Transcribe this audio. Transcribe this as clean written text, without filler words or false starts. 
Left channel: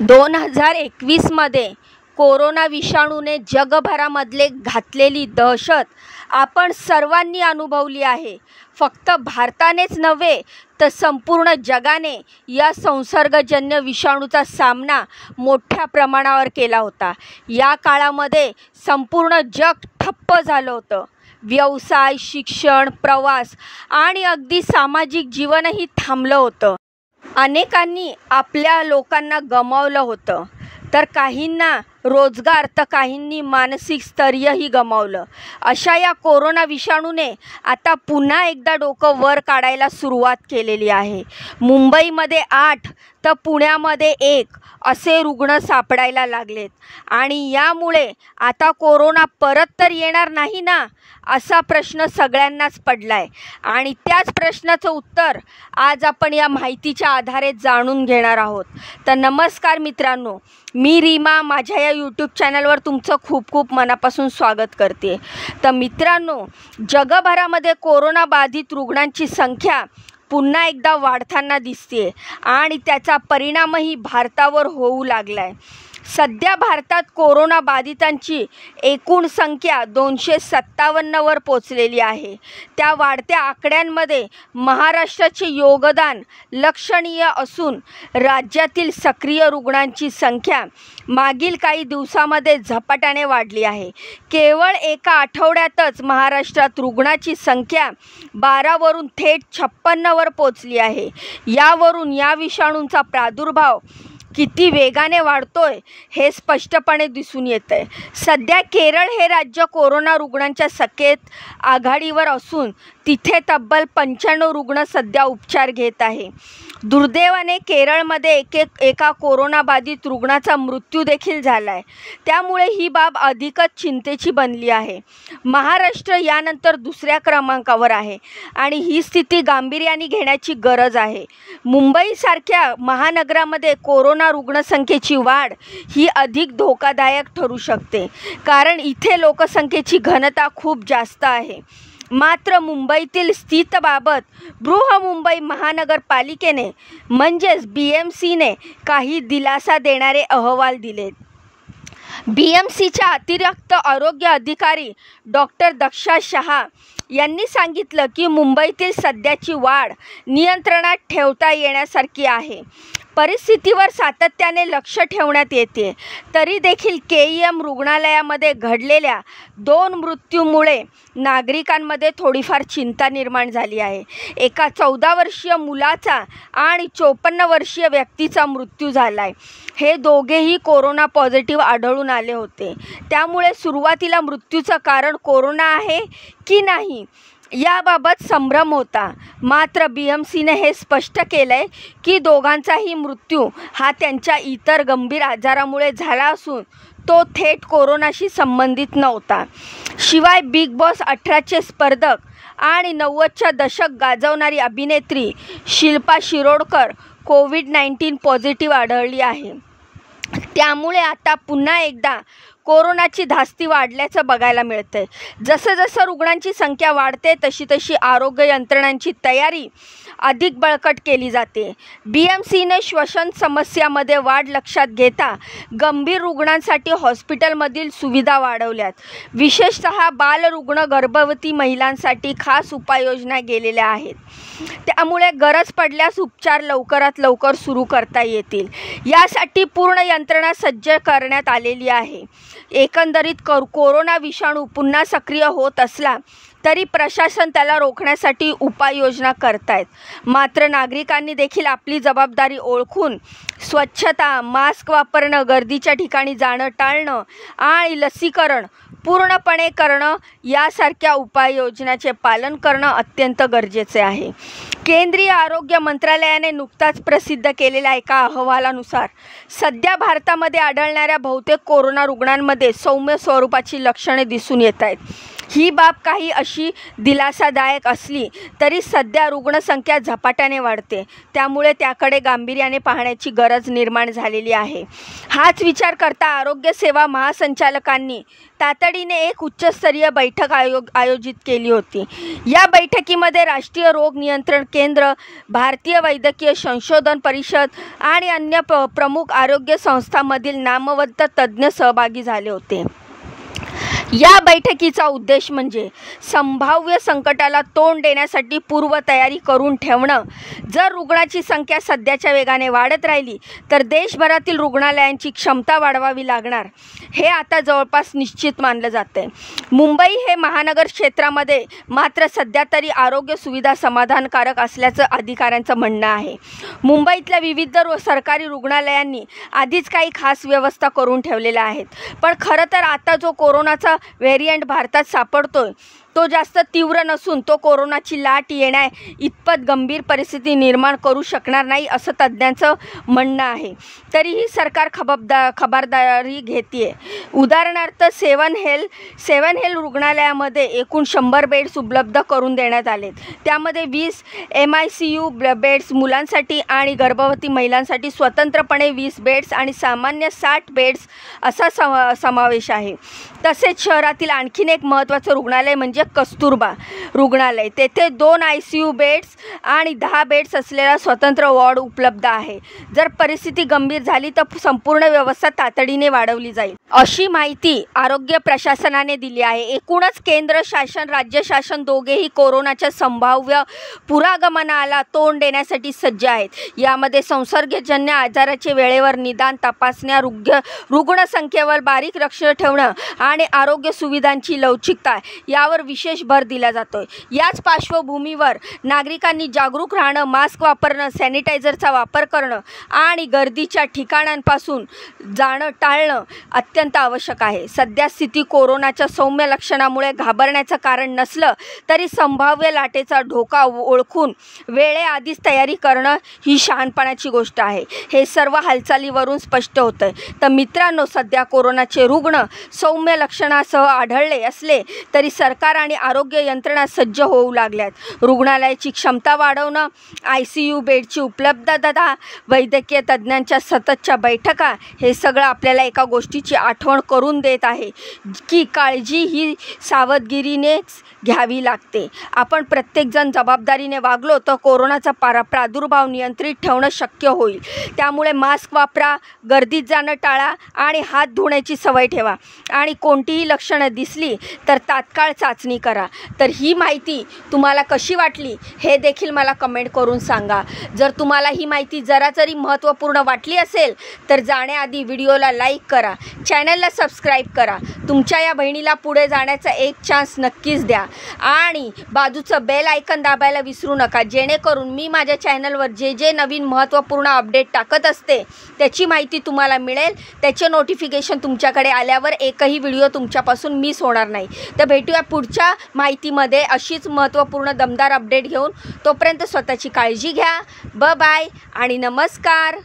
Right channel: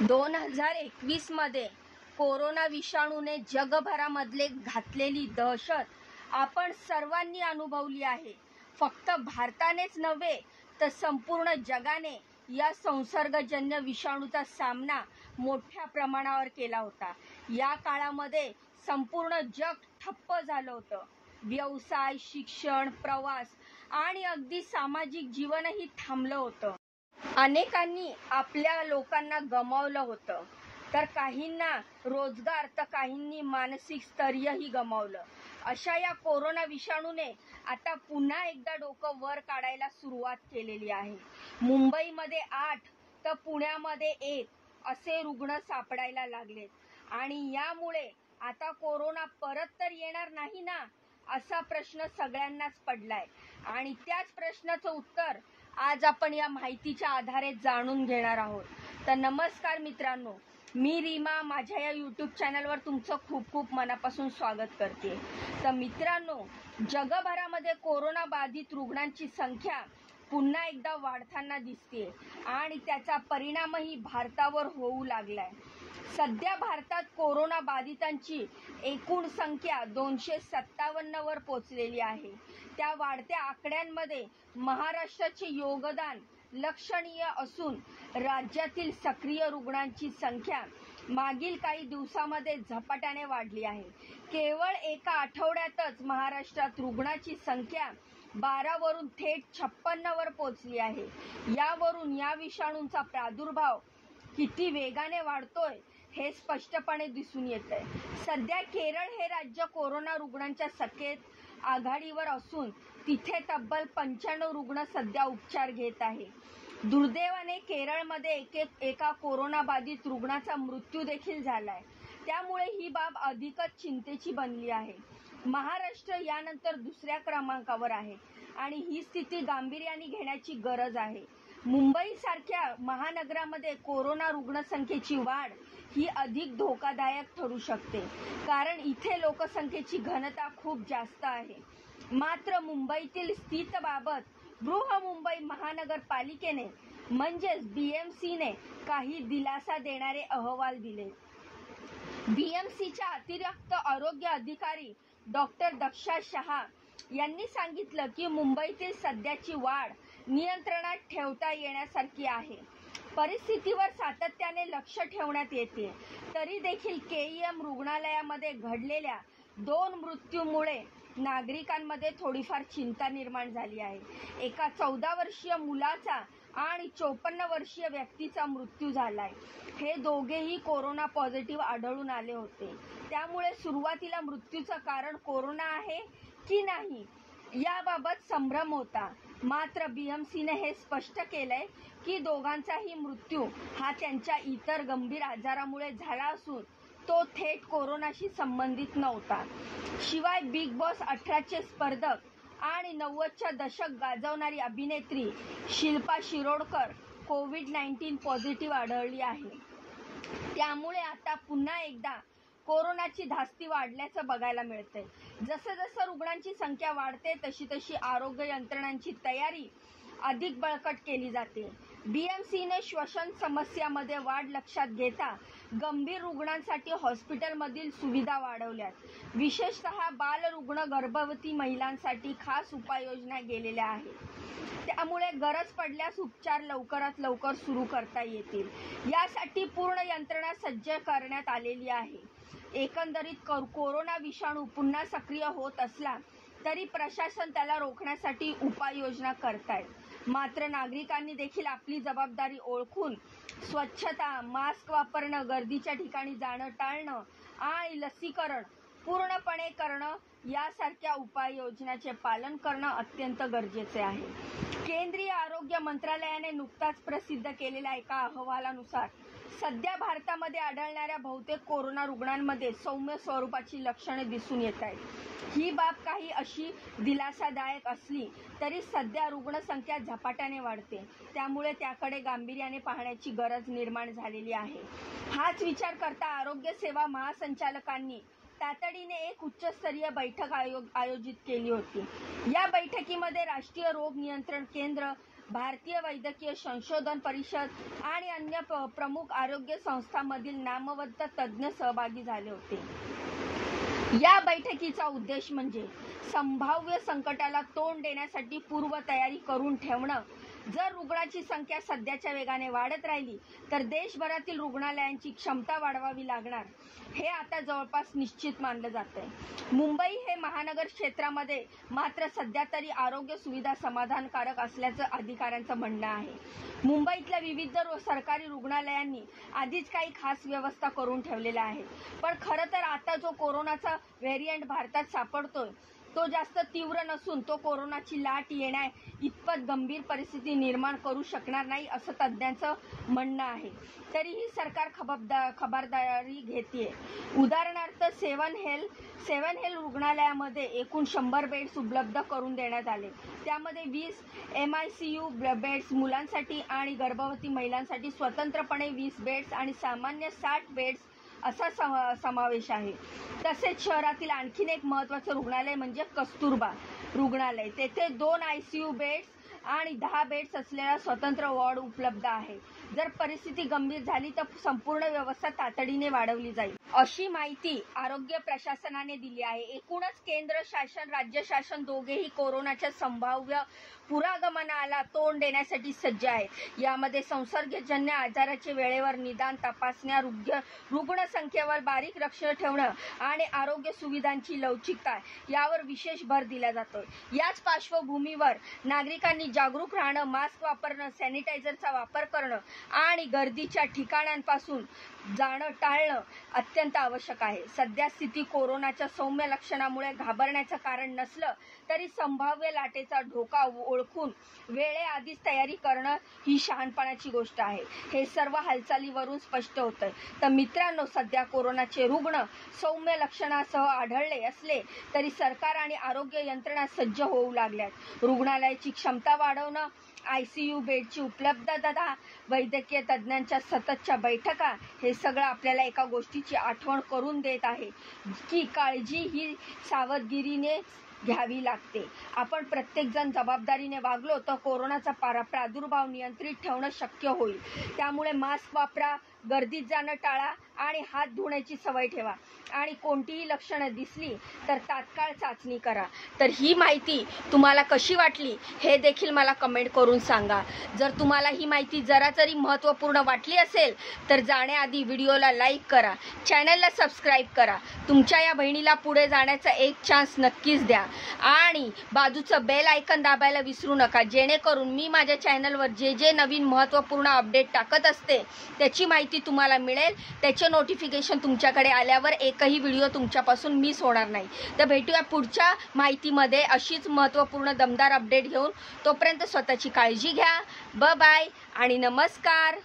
2021मध्ये corona विषाणूने जगभरामधले घातलेली दहशत आपण सर्वांनी अनुभवली आहे. फक्त भारतानेच नव्हे तर संपूर्ण जगाने या संसर्गजन्य विषाणूचा सामना मोठ्या प्रमाणावर केला होता. या काळामध्ये संपूर्ण जग ठप्प झालं होतं. व्यवसाय, शिक्षण, प्रवास आणि अगदी सामाजिक जीवनही थांबलं होतं. अनेकांनी आपल्या लोकांना गमावलं होतं, तर काहींना रोजगार, तर काहींनी मानसिक स्थैर्यही गमावलं. अशा या कोरोना विषाणूने आता पुन्हा एकदा डोकं वर काढायला सुरुवात केलेली आहे. मुंबईमध्ये 8 तर पुण्यामध्ये 1 असे रुग्ण सापडायला लागलेत आणि यामुळे आता कोरोना परत तर येणार नाही ना, असा प्रश्न सगळ्यांनाच पडलाय. आणि त्याच प्रश्नाचं उत्तर आज आपण या माहितीच्या आधारे जाणून घेणार आहोत. तर नमस्कार मित्रांनो, मी रीमा माझ्या या यूट्यूब चॅनलवर तुमचं खूप खूप मनापासून स्वागत करते. तर मित्रांनो, जगभरामध्ये कोरोना बाधित रुग्णांची संख्या पुन्हा एकदा वाढताना दिसते आणि त्याचा परिणामही भारतावर होऊ लागला आहे. सध्या भारतात कोरोना बाधितांची एकूण संख्या 257वर पोचलेली आहे. त्या वाढत्या आकड्यांमध्ये महाराष्ट्राचे योगदान लक्षणीय असून राज्यातील सक्रिय रुग्णांची संख्या मागील काही दिवसामध्ये झपाट्याने वाढली आहे. केवळ एका आठवड्यातच महाराष्ट्रात रुग्णाची संख्या 12वरून थेट 56वर पोचली आहे. यावरून या विषाणूचा प्रादुर्भाव किती वेगाने वाढतोय हे स्पष्टपणे दिसून येतंय. सध्या केरळ हे राज्य कोरोना रुग्णांच्या संख्येत आघाडीवर असून तिथे तब्बल 95 रुग्ण सध्या उपचार घेत आहे. दुर्दैवाने केरळमध्ये एका कोरोनाबाधित रुग्णाचा मृत्यू देखील झाला आहे. त्यामुळे ही बाब अधिकच चिंतेची बनली आहे. महाराष्ट्र यानंतर दुसऱ्या क्रमांकावर आहे आणि ही स्थिती गांभीर्याने घेण्याची गरज आहे. मुंबईसारख्या महानगरामध्ये कोरोना रुग्णसंख्येची वाढ ही अधिक धोकादायक ठरू शकते, कारण इथे लोकसंख्येची घनता खूप जास्त आहे. मात्र मुंबईतील स्थितीबाबत बृहन्मुंबई महानगरपालिकेने म्हणजेच BMCने काही दिलासा देणारे अहवाल दिलेत. BMCच्या अतिरिक्त आरोग्य अधिकारी डॉक्टर दक्षा शहा यांनी सांगितलं की मुंबईतील सध्याची वाढ नियंत्रणात ठेवता येण्यासारखी आहे. परिस्थितीवर सातत्याने लक्ष ठेवण्यात येते. तरी देखील KEM रुग्णालयामध्ये घडलेल्या 2 मृत्यूमुळे नागरिकांमध्ये थोडीफार चिंता निर्माण झाली आहे. एका 14 वर्षीय मुलाचा आणि 54 वर्षीय व्यक्तीचा मृत्यू झाला आहे. हे दोघेही कोरोना पॉझिटिव्ह आढळून आले होते. त्यामुळे सुरुवातीला मृत्यूचं कारण कोरोना आहे की नाही याबाबत संभ्रम होता. मात्र BMCने हे स्पष्ट केलं आहे की दोघांचाही मृत्यू हा त्यांच्या इतर गंभीर आजारामुळे झाला असून तो थेट कोरोनाशी संबंधित नव्हता. शिवाय बिग बॉस 18चे स्पर्धक आणि 90च्या दशक गाजवणारी अभिनेत्री शिल्पा शिरोडकर कोविड-19 पॉझिटिव्ह आढळली आहे. त्यामुळे आता पुन्हा एकदा कोरोनाची धास्ती वाढल्याचं बघायला मिळतंय. जसं जसं रुग्णांची संख्या वाढते तशी तशी आरोग्य यंत्रणांची तयारी अधिक बळकट केली जाते. BMCने श्वसन समस्यामध्ये वाढ लक्षात घेता गंभीर रुग्णांसाठी हॉस्पिटलमधील सुविधा वाढवल्यात. विशेषतः बालरुग्ण, गर्भवती महिलांसाठी खास उपाययोजना केलेल्या आहेत. त्यामुळे गरज पडल्यास उपचार लवकरात लवकर सुरू करता येतील. यासाठी पूर्ण यंत्रणा सज्ज करण्यात आलेली आहे. एकंदरीत कोरोना विषाणू पुन्हा सक्रिय होत असला तरी प्रशासन त्याला रोखण्यासाठी उपाययोजना करतायत. मात्र नागरिकांनी देखील आपली जबाबदारी ओळखून स्वच्छता, मास्क वापरणं, गर्दीच्या ठिकाणी जाणं टाळणं आणि लसीकरण पूर्णपणे करणं यासारख्या उपाययोजनाचे पालन करणं अत्यंत गरजेचे आहे. केंद्रीय आरोग्य मंत्रालयाने नुकताच प्रसिद्ध केलेल्या एका अहवालानुसार सध्या भारतामध्ये आढळणाऱ्या बहुतेक कोरोना रुग्णांमध्ये सौम्य स्वरूपाची लक्षणे दिसून येत आहेत. ही बाब काही अशी दिलासादायक असली तरी सध्या रुग्णसंख्या झपाट्याने वाढते, त्यामुळे त्याकडे गांभीर्याने पाहण्याची गरज निर्माण झालेली आहे. हाच विचार करता आरोग्य सेवा महासंचालकांनी तातडीने एक उच्चस्तरीय बैठक आयोजित केली होती. या बैठकीमध्ये राष्ट्रीय रोग नियंत्रण केंद्र, भारतीय वैद्यकीय संशोधन परिषद आणि अन्य प्रमुख आरोग्य संस्थांमधील नामवंत तज्ज्ञ सहभागी झाले होते. या बैठकीचा उद्देश म्हणजे संभाव्य संकटाला तोंड देण्यासाठी पूर्वतयारी करून ठेवणं. जर रुग्णाची संख्या सध्याच्या वेगाने वाढत राहिली तर देशभरातील रुग्णालयांची क्षमता वाढवावी लागणार, हे आता जवळपास निश्चित मानलं जातंय. मुंबई हे महानगर क्षेत्रामध्ये मात्र सध्या तरी आरोग्य सुविधा समाधानकारक असल्याचं अधिकाऱ्यांचं म्हणणं आहे. मुंबईतल्या विविध सरकारी रुग्णालयांनी आधीच काही खास व्यवस्था करून ठेवलेल्या आहेत, पण खरं तर आता जो कोरोनाचा व्हेरियंट भारतात सापडतोय तो जास्त तीव्र नसून तो कोरोनाची लाट येण्या इतपत गंभीर परिस्थिती निर्माण करू शकणार नाही असं तज्ज्ञांचं म्हणणं आहे. तरीही सरकार खबरदारी घेते. उदाहरणार्थ सेवन हेल्थ रुग्णालयामध्ये एकूण 100 बेड्स उपलब्ध करून देण्यात आलेत. त्यामध्ये 20 MICU बेड्स मुलांसाठी आणि गर्भवती महिलांसाठी स्वतंत्रपणे 20 बेड्स आणि सामान्य 60 बेड्स असा समावेश आहे. तसेच शहरातील आणखीन एक महत्त्वाचं रुग्णालय म्हणजे कस्तुरबा रुग्णालय. तेथे 2 ICU बेड्स आणि 10 बेड्स असलेला स्वतंत्र वॉर्ड उपलब्ध आहे. जर परिस्थिती गंभीर झाली तर संपूर्ण व्यवस्था तातडीने वाढवली जाईल, अशी माहिती आरोग्य प्रशासनाने दिली आहे. एकूणच केंद्र शासन राज्य शासन दोघेही कोरोनाच्या संभाव्य पुरागमनाला तोंड देण्यासाठी सज्ज आहेत. यामध्ये संसर्गजन्य आजाराचे वेळेवर निदान, तपासण्या, रुग्णसंख्येवर बारीक लक्ष ठेवणं आणि आरोग्य सुविधांची लवचिकता यावर विशेष भर दिला जातोय. याच पार्श्वभूमीवर नागरिकांनी जागरूक राहणं, मास्क वापरणं, सॅनिटायझरचा वापर करणं आणि गर्दीच्या ठिकाणांपासून जाणं टाळणं अत्यंत आवश्यक आहे. सध्या स्थिती कोरोनाच्या सौम्य लक्षणामुळे घाबरण्याचं कारण नसलं तरी संभाव्य लाटेचा धोका ओळखून वेळेआधीच तयारी करणं ही शहाणपणाची गोष्ट आहे. हे सर्व हालचालीवरून स्पष्ट होतंय. तर मित्रांनो, सध्या कोरोनाचे रुग्ण सौम्य लक्षणासह आढळले असले तरी सरकार आणि आरोग्य यंत्रणा सज्ज होऊ लागल्यात. रुग्णालयाची क्षमता वाढवणं, ICU बेडची उपलब्धता, वैद्यकीय तज्ज्ञांच्या सततच्या बैठका हे सगळं आपल्याला एका गोष्टीची आठवण करून देत आहे की काळजी ही सावधगिरीनेच घ्यावी लागते. आपण प्रत्येकजण जबाबदारीने वागलो तर कोरोनाचा प्रादुर्भाव नियंत्रित ठेवणं शक्य होईल. त्यामुळे मास्क वापरा, गर्दीत जाणं टाळा आणि हात धुण्याची सवय ठेवा आणि कोणतीही लक्षणं दिसली तर तात्काळ चाचणी करा. तर ही माहिती तुम्हाला कशी वाटली हे देखील मला कमेंट करून सांगा. जर तुम्हाला ही माहिती जरा जरी महत्त्वपूर्ण वाटली असेल तर जाण्याआधी व्हिडिओला लाईक करा, चॅनलला सबस्क्राईब करा. तुमच्या या बहिणीला पुढे जाण्याचा एक चान्स नक्कीच द्या आणि बाजूचं बेल आयकन दाबायला विसरू नका, जेणेकरून मी माझ्या चॅनलवर जे नवीन महत्त्वपूर्ण अपडेट टाकत असते त्याची माहिती तुम्हाला मिळेल. त्याचे नोटिफिकेशन तुमच्याकडे आल्यावर एकही व्हिडिओ तुमच्यापासून मिस होणार नाही. तर भेटूया पुढच्या माहितीमध्ये अशीच महत्त्वपूर्ण दमदार अपडेट घेऊन. तोपर्यंत स्वतःची काळजी घ्या. बाय आणि नमस्कार.